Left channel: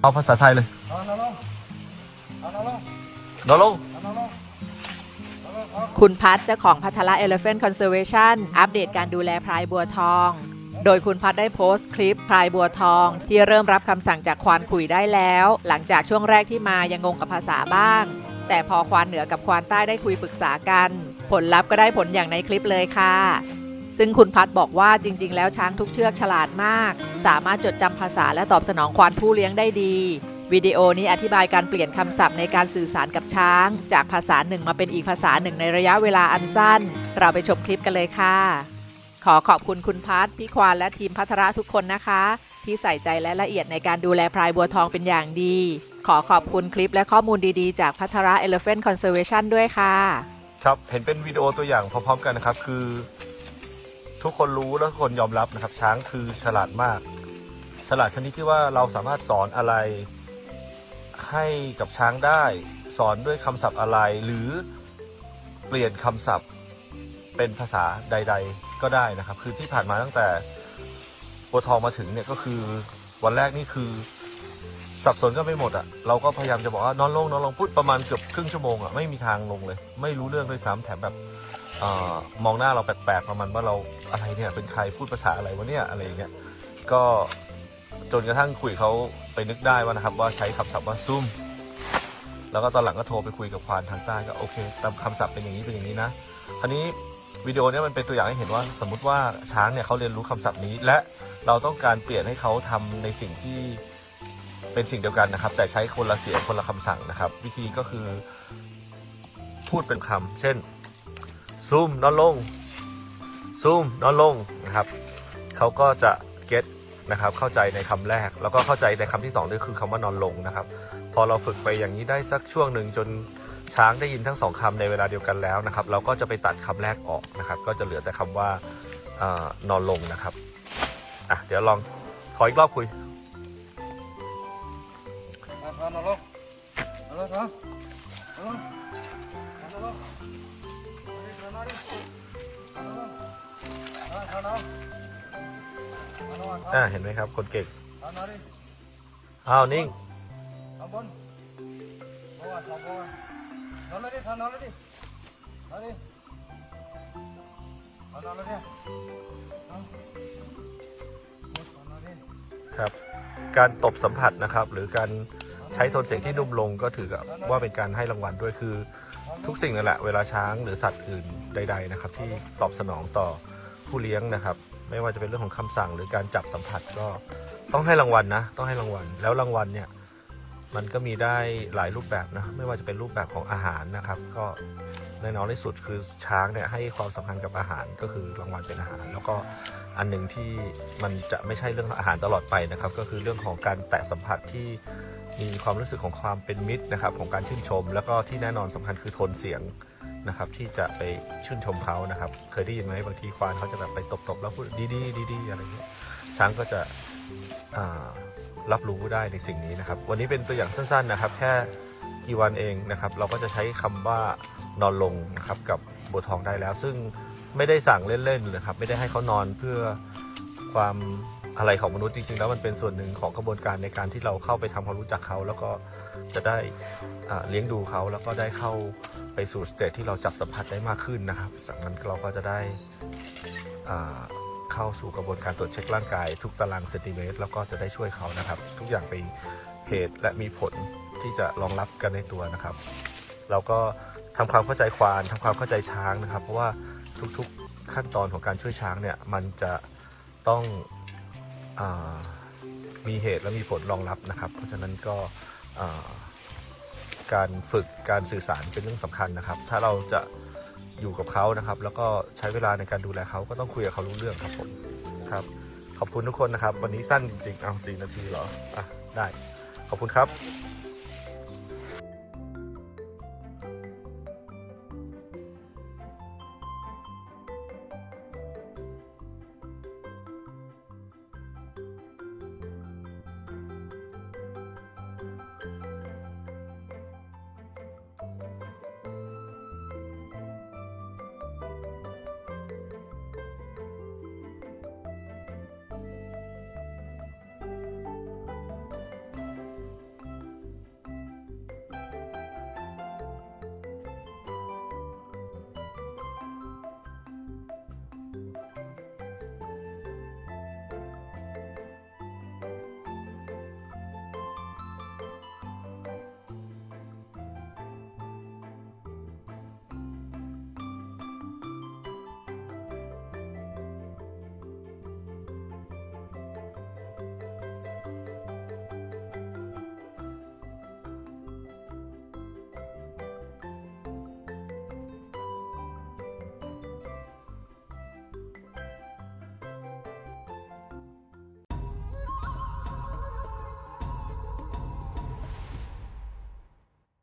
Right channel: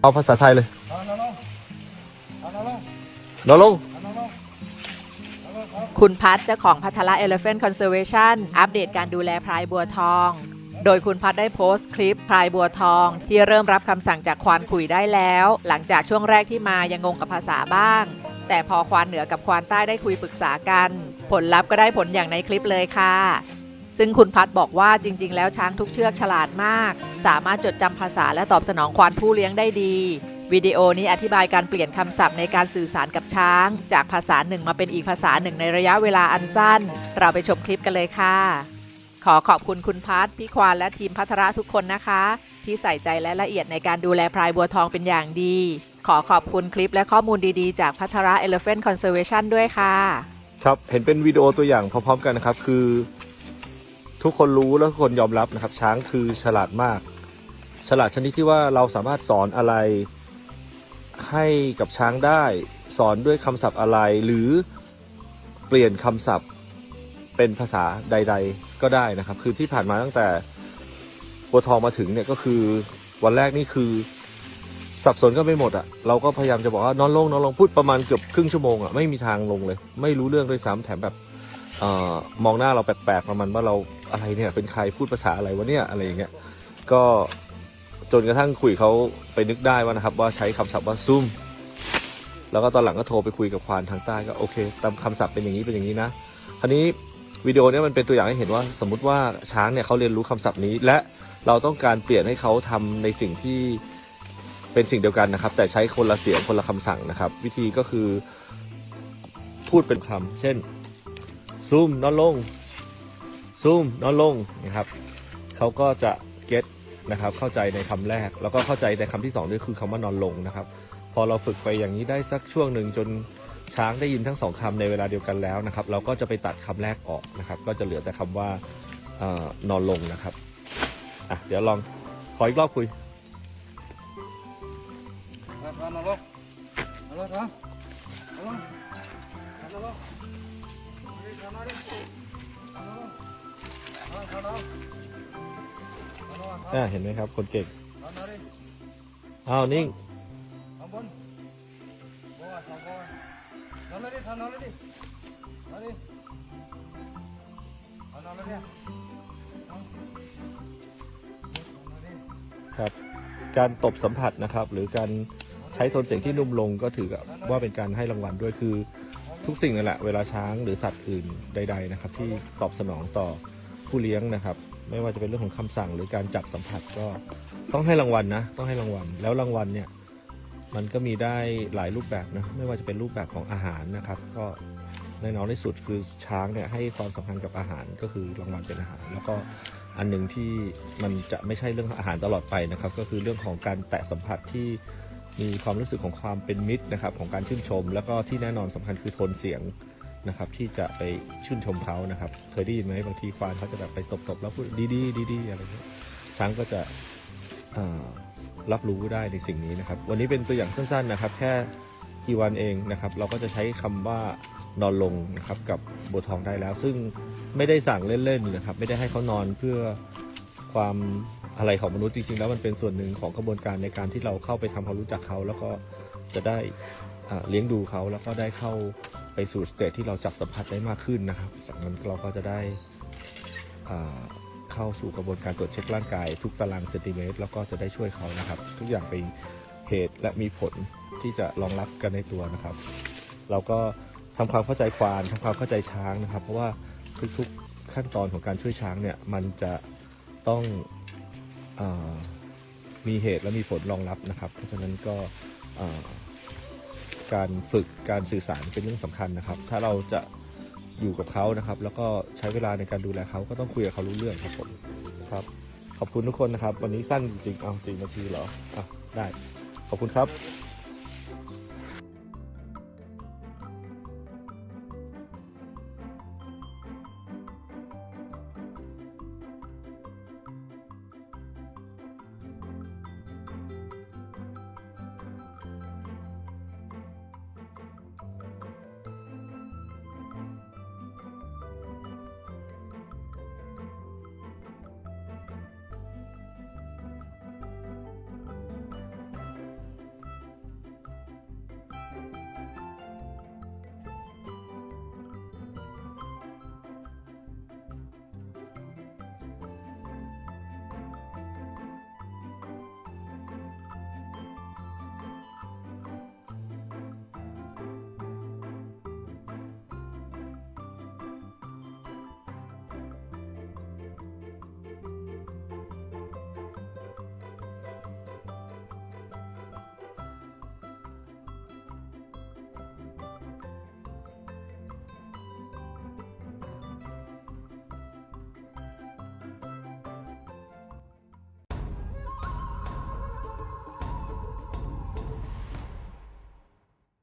เอาภาษาไทยเลยเอานอนลงเอานลงนลงเอานอนลงเอาลงคุณพัฒเจ้าของพัทละ Elephant Conservation อัปเดตการดูแลพรายบัวทอง โดยคุณพัฒได้โพสต์คลิปพรายบัวทอง ที่เริ่มรับคำสั่งจากควานขุยได้แล้ว หลังจากช่วงแรกที่มายังงงกับภาษาบ้าง แต่พอควานเหนือกับควานใต้ได้คุยปรึกษากัน ผลลัพธ์ก็ได้ผลอย่างในคลิปเลยค่ะ ซึ่งคุณพัฒบอกว่าจริง ๆ แล้วช้างทุกเชือกฉลาดมาก สามารถจดจำภาษาและตอบสนองควานผู้เลี้ยงได้ดี วิดีโอนี้อธิบายการเปลี่ยนคำศัพท์ในการสื่อสารกับช้าง จากภาษาหนึ่งมาเป็นอีกภาษาหนึ่งในระยะเวลาอันสั้น เราไปชมคลิปกันเลยค่ะ ขอขอบคุณคุณพัฒพี่ควานและทีมพัทระทุกคนนะคะ ที่ใส่ใจและละเอียดในการดูแลพรายบัวทองเป็นอย่างดี ขอขอบคุณคลิปและข้อมูลดีๆ จากพัทระ Elephant Conservation ด้วยค่ะ ครับ เห็นเป็นวิดีโอตัวอย่างพร้อมๆกันนะครับ คือ ทุกคนรู้และทุกคนยอมรับนะครับ ช้างคือฉลาดมาก ฉลาดชนิดที่ว่าเราสามารถสอนอะไร ให้กับช้างได้ สอนด้วยคำศัพท์อะไร หรือเปลี่ยนคำศัพท์เป็นภาษาใด ๆ ก็ได้นะครับ คือที่ผ่านมาตั้งแต่ตัวทองมาถึงเนี่ยก็คือวันแรกนี่คือสับสนกันไปหมดอะ เราก็พยายามจะบอกว่านอนลงนอนลงพูดประมาณเกือบครึ่งชั่วโมงอะไม่มีทางลงเลย ไม่รู้เรื่องด้วยซ้ำแถมแบบ เออมองหน้าเราแปลกๆประมาณว่าเราอะไรเนี่ยเป็นใครพูดภาษาอะไรวะเนี่ยอะไรอย่างเงี้ยก็จนกระทั่งคุยเขาไปนึกได้ว่านะครับ ว่าใช้คำศัพท์ว่าซุ่มแล้วก็ตอนหลังก็โทรไปคุยกับควานทางใต้ก็โอเคการคำศัพท์เป็นอย่างนี้เป็นอย่างนี้นะคราวนี้วิดีโอนี้มันเป็นตัวอย่างให้เห็นว่าสมมุติว่าช้างเนี่ยเขาเรียนรู้คำศัพท์นี้ และเราต้องการเปลี่ยนให้เขาทำในสิ่งที่เป็นสิ่งเดียวกันนะครับ แต่ใช้คนละเสียงคนละคำสั่งนะครับ วิธีก็คือ พูดเป็นคำเช่น ซูมนอนลงซูมนอนลงนะครับเขาก็จะเก็ตนะครับเข้าใจในคำแรก แล้วก็เข้าใจในคำที่สองนี่คือคำว่านอนลงนะครับ พอเราฝึกไปอย่างนี้ได้สักช่วงหนึ่งจนช้างได้ยินทั้งสองคำในเวลาเดียวกันแล้วนะครับ เราก็จะไปตัดคำแรกออกนะครับ ก็จะเหลือแต่คำว่าอนอนลงนะครับอะเดี๋ยวลองขออีกรอบคุยนอนลงเอาลงนอนลงนอนลง อาเอานอนเอานอนเอาอ่าเห็นไหมครับ คนเก่งเอานอนดิอ้าวนิ่งเอาบนบนเอาบนนอนเลยดิเอานอนเลยดินอนดิเอานอนเลยดิเอาเอานอนดิครับการตบสัมผัสนะครับ หรือการใช้โทนเสียงที่นุ่มลงก็ถือว่าเป็นการให้รางวัลด้วยคือ ทุกสิ่งนั่นแหละเวลาช้างหรือสัตว์อื่นใด ๆนะครับ ที่ตอบสนองต่อผู้เลี้ยงนะครับ ไม่ว่าจะเป็นเรื่องของคำสั่งหรือการจับสัมผัสก็ต้องให้รางวัลนะ ต้องให้รางวัลแล้วรางวัลเนี่ย มันก็มีได้หลายรูปแบบนะไม่ว่าจะเป็นรูปแบบของอาหารนะครับ ก็แน่นอนที่สุดคือช้างเนี่ยให้ความสำคัญกับอาหารก็คือรางวัลเป็นอาหาร แล้วก็อันหนึ่งที่มันจะไม่ใช่เรื่องอาหารตลอดไปนะครับ ก็คือเรื่องของการแตะสัมผัสที่ มีความรู้สึกของความเป็นมิตรนะครับของการชื่นชม แล้วก็ที่แน่นอนสำคัญคือโทนเสียงนะครับที่จะไปชื่นชมเขานะครับ เคยได้ยินไหมบางทีควานเขาจะแบบไปตบๆแล้วพูดดีๆดีๆอะไรช้างก็จะรับรู้ได้ในสิ่งนี้นะครับ วันนี้เป็นตัวอย่างสั้นๆนะครับ แค่กี่วันเองนะครับ เราก็จะใช้คำว่านอนลงนะครับกับบัวทองได้แล้ว ซึ่งไม่ได้สั่งเล่นๆนะครับ ไม่ได้ให้เขานอนเพื่อ ความอะไรของมนุษย์จริงๆแล้วมันเป็นส่วนหนึ่งของกระบวนการในการที่เราเข้าไปทำความรู้จักเขา แล้วก็จะได้อ่าเลี้ยงดูเขาแล้วก็ได้เข้าไปสู่สเตจที่เราจับสัมผัสได้มากขึ้นนะครับจากนั้นเราก็จะได้อ่าเข้าสู่กระบวนการตรวจเช็คร่างกาย ทุกตารางเซนติเมตรแล้วก็จะได้ช่วยเขานะครับ ทุกอย่างเป็นเหตุและมีผลที่จะรองรับกันในตัวนะครับ เราก็ทำความเข้าใจควานทำความเข้าใจช้างนะครับ เพราะว่าทุกๆขั้นตอนของการช่วยช้างเนี่ยมันจะ ต้องอมีเหตุและมีผลรองรับนะครับ เพราะฉะนั้นก็การฝึกการสื่อสารเป็นเรื่องสำคัญนะครับ ถ้าเราจะอยู่กับเขานะครับ แล้วก็ใช้เวลาในการดูแลเขาก็ต้องคุยกับเขารู้เรื่องครับผมครับ ขอบคุณทุกคนนะครับ วันนี้สั้นจริงๆเอาสี่นาทีเหรออได้ขอบคุณครับ